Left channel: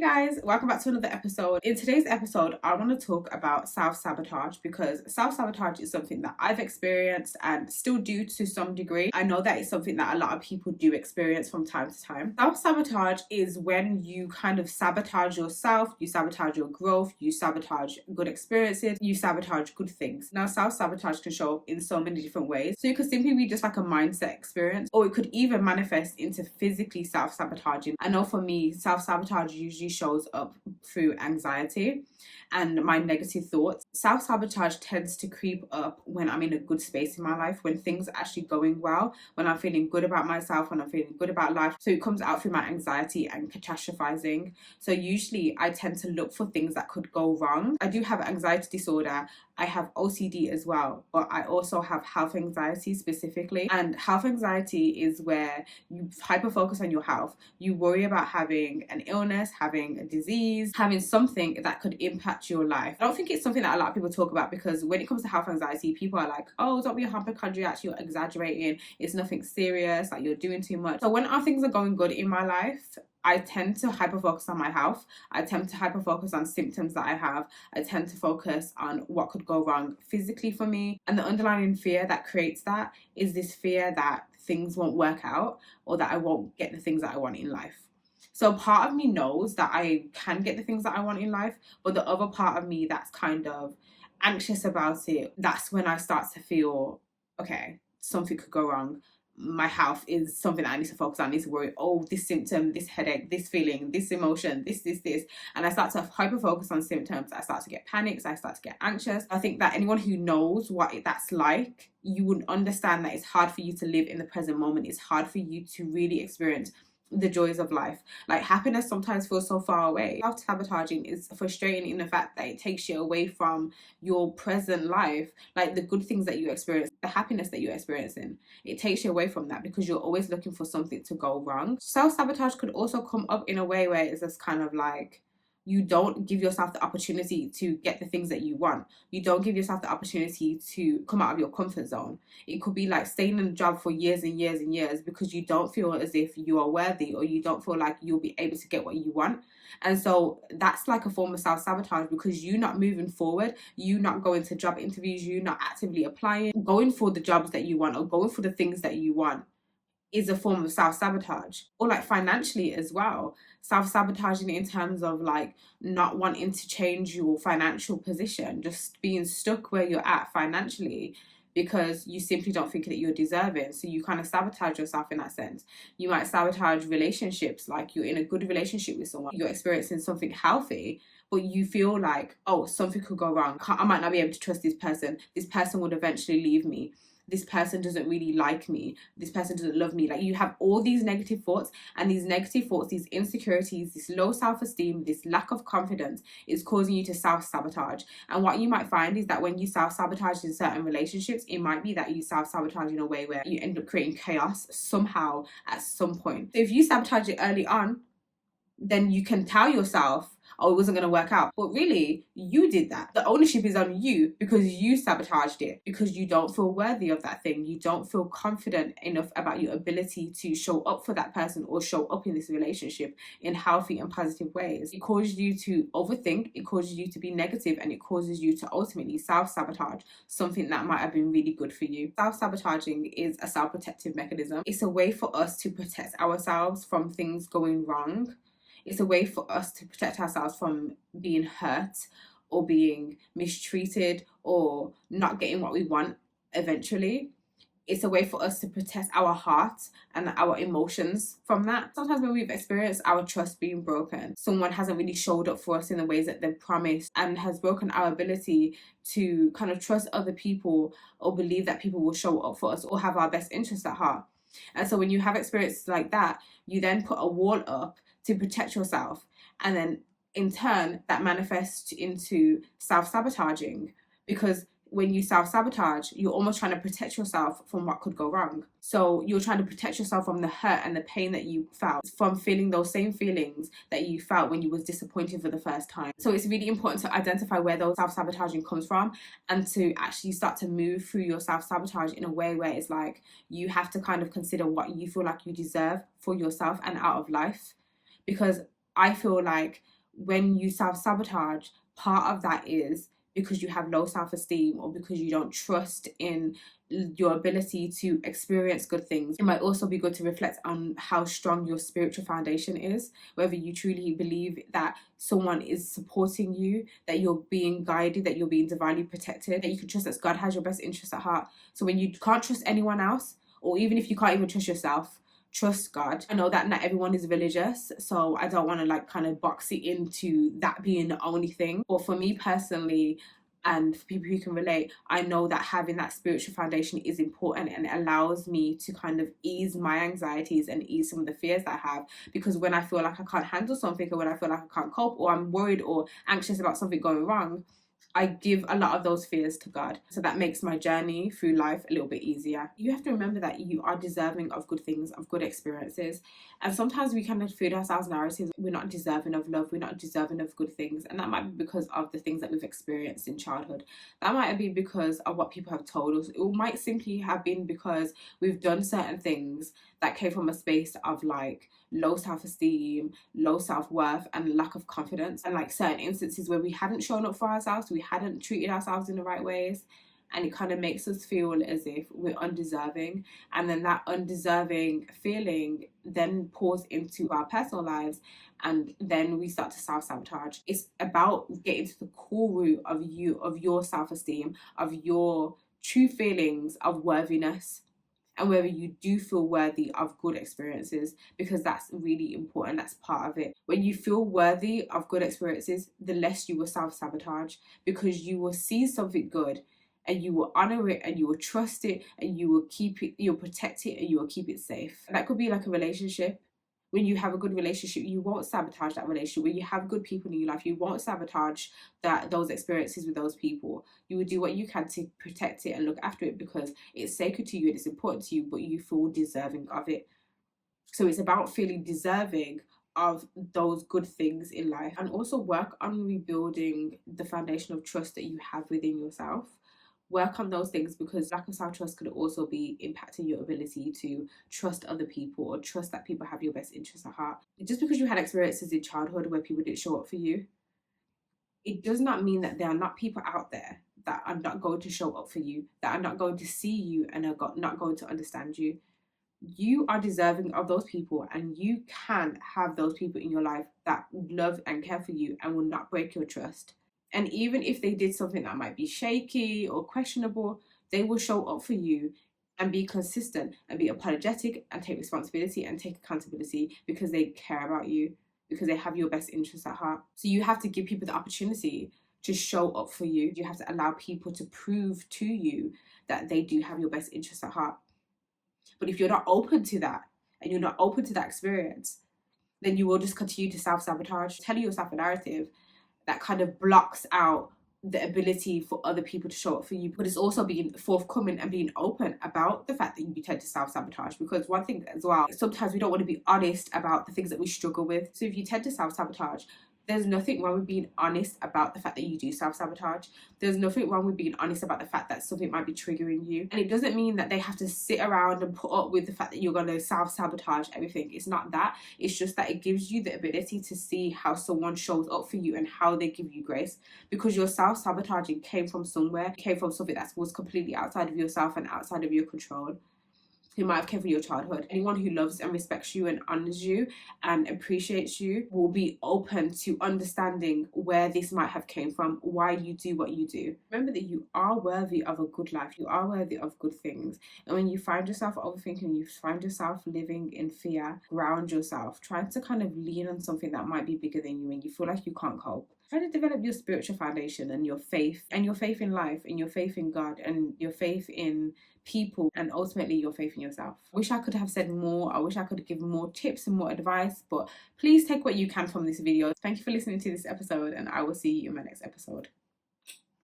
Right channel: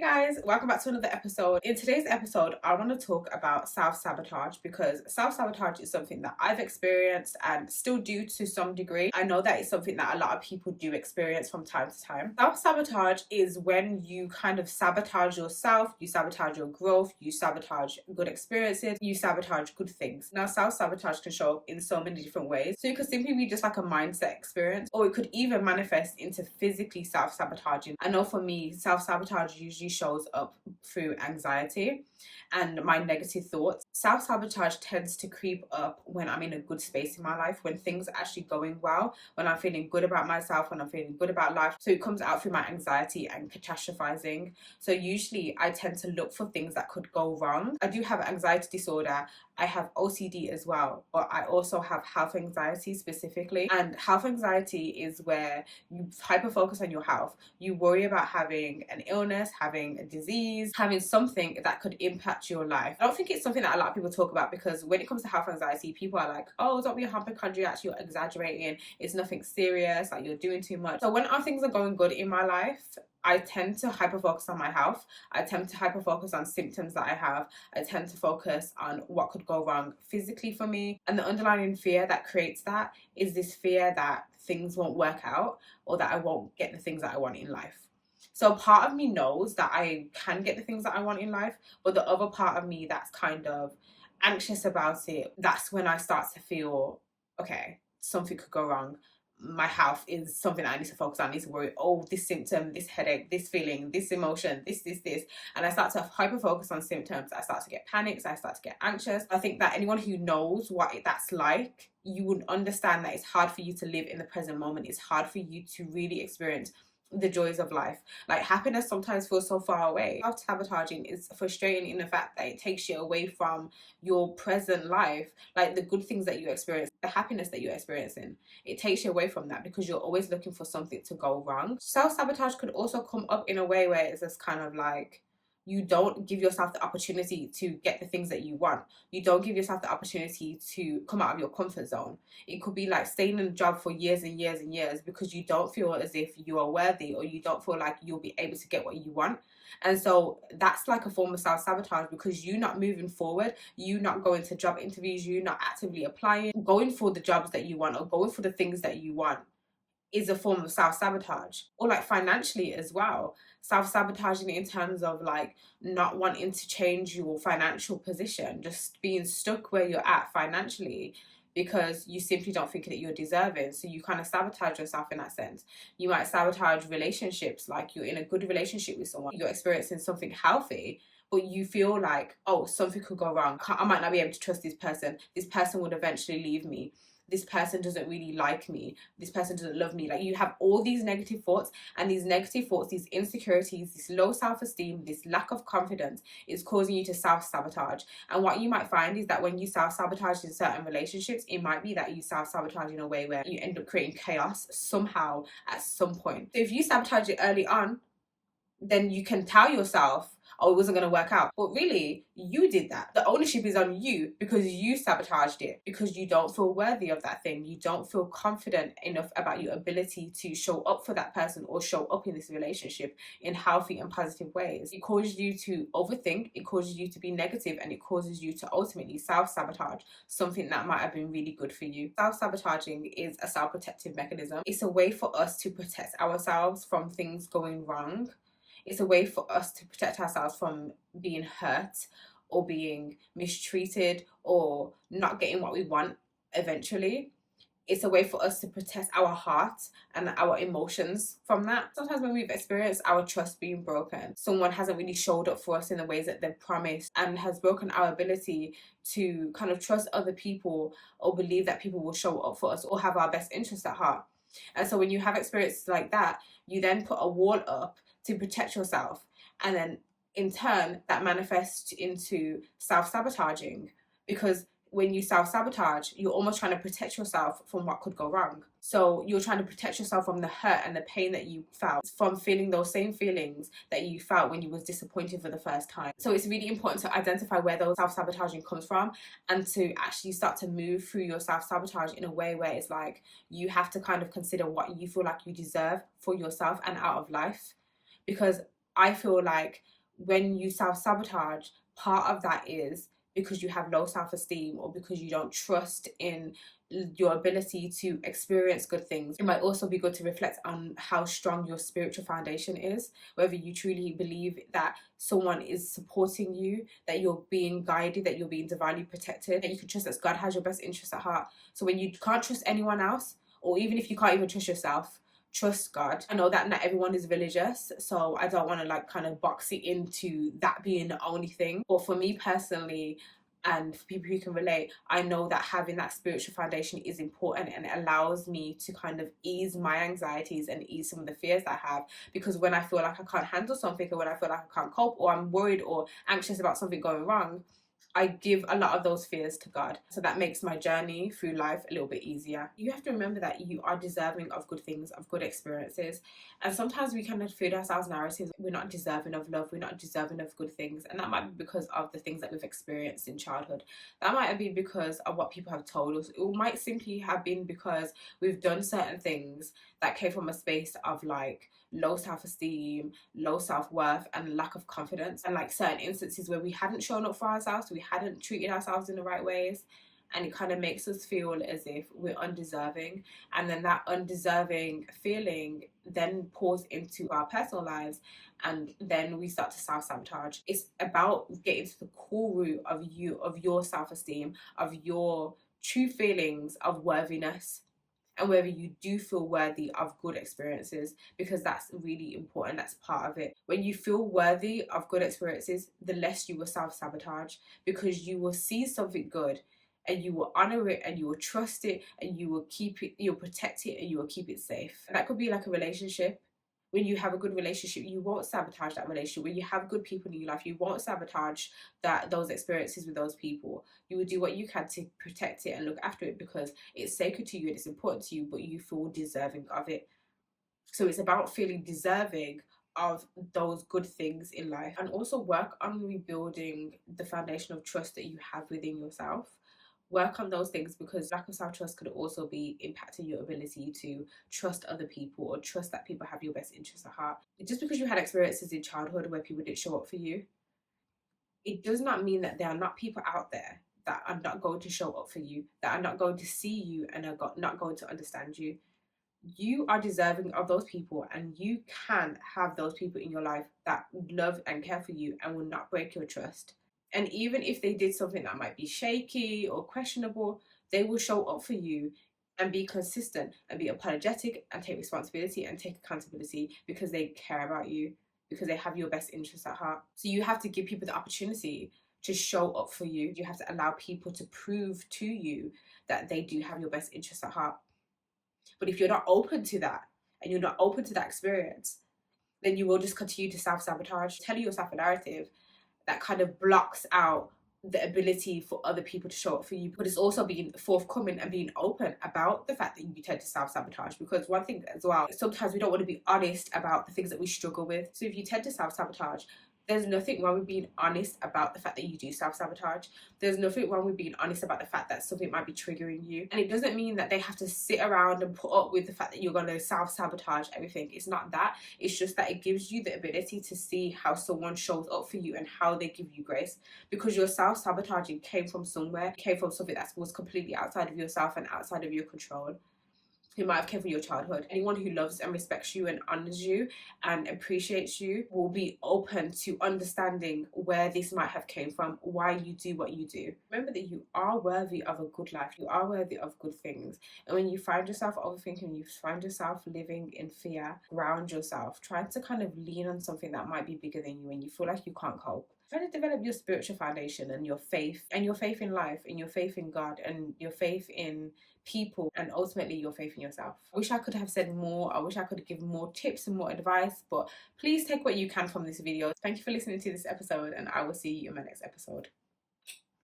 Hey guys, welcome back to another episode. In today's episode, I want to talk about self-sabotage because self-sabotage is something that I've experienced and still do to some degree. I know that it's something that a lot of people do experience from time to time. Self-sabotage is when you kind of sabotage yourself, you sabotage your growth, you sabotage good experiences, you sabotage good things. Now, self-sabotage can show up in so many different ways. So it could simply be just like a mindset experience, or it could even manifest into physically self-sabotaging. I know for me, self-sabotage usually shows up through anxiety and my negative thoughts. Self-sabotage tends to creep up when I'm in a good space in my life, when things are actually going well, when I'm feeling good about myself, when I'm feeling good about life. So it comes out through my anxiety and catastrophizing. So usually I tend to look for things that could go wrong. I do have anxiety disorder. I have OCD as well, but I also have health anxiety specifically. And health anxiety is where you hyper focus on your health. You worry about having an illness, having a disease, having something that could impact your life. I don't think it's something that a lot of people talk about, because when it comes to health anxiety, people are like, oh, don't be a hypochondriac, you're exaggerating, it's nothing serious, like you're doing too much. So when our things are going good in my life, I tend to hyper focus on my health. I tend to hyper focus on symptoms that I have. I tend to focus on what could go wrong physically for me. And the underlying fear that creates that is this fear that things won't work out, or that I won't get the things that I want in life. So part of me knows that I can get the things that I want in life, but the other part of me that's kind of anxious about it, that's when I start to feel, okay, something could go wrong. My health is something I need to focus on. I need to worry, oh, this symptom, this headache, this feeling, this emotion, this. And I start to hyper focus on symptoms. I start to get panics. I start to get anxious. I think that anyone who knows what that's like, you would understand that it's hard for you to live in the present moment. It's hard for you to really experience the joys of life. Like, happiness sometimes feels so far away. Self-sabotaging is frustrating in the fact that it takes you away from your present life, like the good things that you experience, the happiness that you're experiencing. It takes you away from that because you're always looking for something to go wrong. Self-sabotage could also come up in a way where it's just kind of like, you don't give yourself the opportunity to get the things that you want. You don't give yourself the opportunity to come out of your comfort zone. It could be like staying in a job for years and years and years because you don't feel as if you are worthy, or you don't feel like you'll be able to get what you want. And so that's like a form of self-sabotage, because you're not moving forward, you not going to job interviews, you not actively applying, going for the jobs that you want, or going for the things that you want is a form of self-sabotage. Or like financially as well, self-sabotaging in terms of like not wanting to change your financial position, just being stuck where you're at financially because you simply don't think that you're deserving. So you kind of sabotage yourself in that sense. You might sabotage relationships, like you're in a good relationship with someone, you're experiencing something healthy, but you feel like, oh, something could go wrong. I might not be able to trust this person. This person would eventually leave me. This person doesn't really like me. This person doesn't love me. Like, you have all these negative thoughts, and these negative thoughts, these insecurities, this low self-esteem, this lack of confidence is causing you to self-sabotage. And what you might find is that when you self-sabotage in certain relationships, it might be that you self-sabotage in a way where you end up creating chaos somehow at some point. So if you sabotage it early on, then you can tell yourself, oh, it wasn't going to work out. But really, you did that. The ownership is on you because you sabotaged it, because you don't feel worthy of that thing. You don't feel confident enough about your ability to show up for that person or show up in this relationship in healthy and positive ways. It causes you to overthink, it causes you to be negative, and it causes you to ultimately self-sabotage something that might have been really good for you. Self-sabotaging is a self-protective mechanism. It's a way for us to protect ourselves from things going wrong. It's a way for us to protect ourselves from being hurt or being mistreated or not getting what we want eventually. It's a way for us to protect our heart and our emotions from that. Sometimes when we've experienced our trust being broken, someone hasn't really showed up for us in the ways that they've promised, and has broken our ability to kind of trust other people or believe that people will show up for us or have our best interests at heart. And so when you have experiences like that, you then put a wall up to protect yourself, and then in turn that manifests into self-sabotaging, because when you self-sabotage, you're almost trying to protect yourself from what could go wrong. So you're trying to protect yourself from the hurt and the pain that you felt, from feeling those same feelings that you felt when you was disappointed for the first time. So it's really important to identify where those self-sabotaging comes from, and to actually start to move through your self-sabotage in a way where it's like you have to kind of consider what you feel like you deserve for yourself and out of life. Because I feel like when you self-sabotage, part of that is because you have low self-esteem or because you don't trust in your ability to experience good things. It might also be good to reflect on how strong your spiritual foundation is, whether you truly believe that someone is supporting you, that you're being guided, that you're being divinely protected, that you can trust that God has your best interests at heart. So when you can't trust anyone else, or even if you can't even trust yourself, trust God. I know that not everyone is religious, so I don't want to like kind of box it into that being the only thing. But for me personally, and for people who can relate, I know that having that spiritual foundation is important, and it allows me to kind of ease my anxieties and ease some of the fears that I have. Because when I feel like I can't handle something, or when I feel like I can't cope, or I'm worried or anxious about something going wrong, I give a lot of those fears to God. So that makes my journey through life a little bit easier. You have to remember that you are deserving of good things, of good experiences. And sometimes we kind of feed ourselves narratives. We're not deserving of love. We're not deserving of good things. And that might be because of the things that we've experienced in childhood. That might be because of what people have told us. It might simply have been because we've done certain things that came from a space of like low self-esteem, low self-worth, and lack of confidence, and like certain instances where we hadn't shown up for ourselves, we hadn't treated ourselves in the right ways, and it kind of makes us feel as if we're undeserving. And then that undeserving feeling then pours into our personal lives, and then we start to self-sabotage. It's about getting to the core root of your self-esteem, of your true feelings of worthiness, and whether you do feel worthy of good experiences, because that's really important. That's part of it. When you feel worthy of good experiences, the less you will self-sabotage, because you will see something good and you will honor it and you will trust it and you will keep it, you'll protect it and you will keep it safe. And that could be like a relationship. When you have a good relationship, you won't sabotage that relationship. When you have good people in your life, you won't sabotage those experiences with those people. You will do what you can to protect it and look after it, because it's sacred to you and it's important to you, but you feel deserving of it. So it's about feeling deserving of those good things in life, and also work on rebuilding the foundation of trust that you have within yourself. Work on those things, because lack of self-trust could also be impacting your ability to trust other people or trust that people have your best interests at heart. Just because you had experiences in childhood where people didn't show up for you, it does not mean that there are not people out there that are not going to show up for you, that are not going to see you and are not going to understand you. You are deserving of those people, and you can have those people in your life that love and care for you and will not break your trust. And even if they did something that might be shaky or questionable, they will show up for you and be consistent and be apologetic and take responsibility and take accountability, because they care about you, because they have your best interests at heart. So you have to give people the opportunity to show up for you. You have to allow people to prove to you that they do have your best interests at heart. But if you're not open to that and you're not open to that experience, then you will just continue to self-sabotage, telling yourself a narrative that kind of blocks out the ability for other people to show up for you. But it's also being forthcoming and being open about the fact that you tend to self-sabotage. Because one thing as well, sometimes we don't want to be honest about the things that we struggle with. So if you tend to self-sabotage, there's nothing wrong with being honest about the fact that you do self-sabotage. There's nothing wrong with being honest about the fact that something might be triggering you. And it doesn't mean that they have to sit around and put up with the fact that you're going to self-sabotage everything. It's not that. It's just that it gives you the ability to see how someone shows up for you and how they give you grace. Because your self-sabotaging came from somewhere, came from something that was completely outside of yourself and outside of your control. Who might have come from your childhood. Anyone who loves and respects you and honors you and appreciates you will be open to understanding where this might have came from, why you do what you do. Remember that you are worthy of a good life. You are worthy of good things. And when you find yourself overthinking, you find yourself living in fear, ground yourself, trying to kind of lean on something that might be bigger than you and you feel like you can't cope. Try to develop your spiritual foundation and your faith in life, and your faith in God, and your faith in people, and ultimately your faith in yourself. I wish I could have said more. I wish I could give more tips and more advice, but please take what you can from this video. Thank you for listening to this episode, and I will see you in my next episode.